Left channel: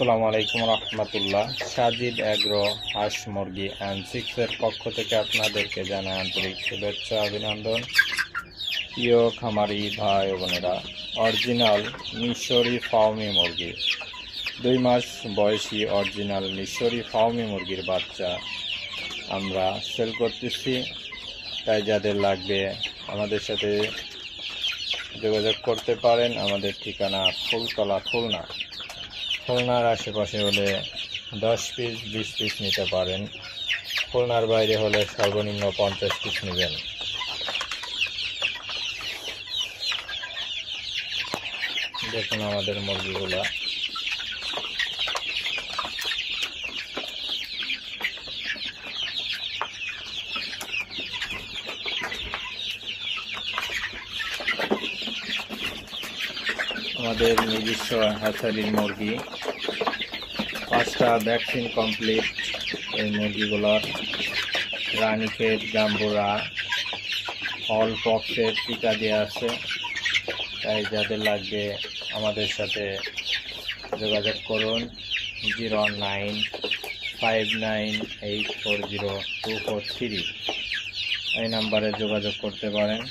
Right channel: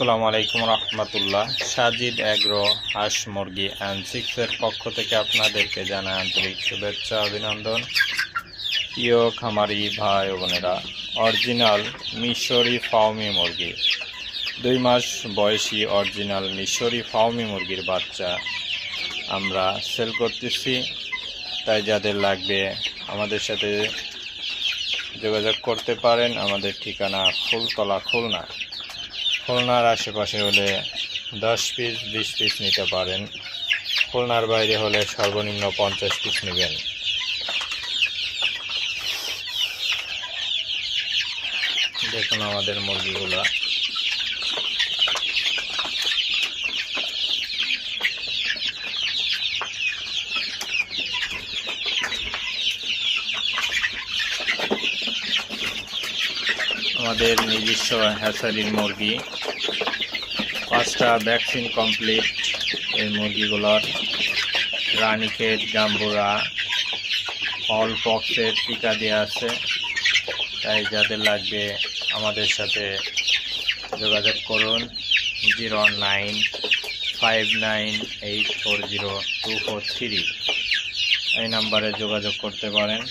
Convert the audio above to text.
আসসালামু আলাইকুম রহমতুল্লাহ। সাজিদ এগ্রো হাঁস মুরগি অ্যান্ড চিক্সের পক্ষ থেকে আপনাদেরকে জানাই আন্তরিক শুভেচ্ছা অভিনন্দন। প্রিয় খামারি ভাই ও বোনেরা, অরিজিনাল মিশরি ফাউমি মুরগি 2 মাস বয়সী অরিজিনাল মিশরি ফাউমি মুরগির বাচ্চা আমরা সেল করতেছি। তাই যাদের লাগবে আমাদের সাথে যোগাযোগ করতে পারেন। আমাদের ঠিকানা ফুলতলা, খুলনা। খুলনার আশেপাশে হলে 10 পিস 20 পিস নিতে পারেন। খুলনার বাইরে হলে সর্বনিম্ন 50 পিস নেবেন। দেখুন আমাদের মুরগিগুলা। আমাদের নিজস্ব হ্যাচারির মুরগি, 5টা ভ্যাকসিন কমপ্লিট। এই মুরগিগুলোর রানীক্ষেত, গাম্বুরা, অল পক্সের টিকা দেওয়া আছে। তাই যাদের লাগবে আমাদের সাথে যোগাযোগ করুন। 095984024 এই নাম্বারে যোগাযোগ করতে পারেন।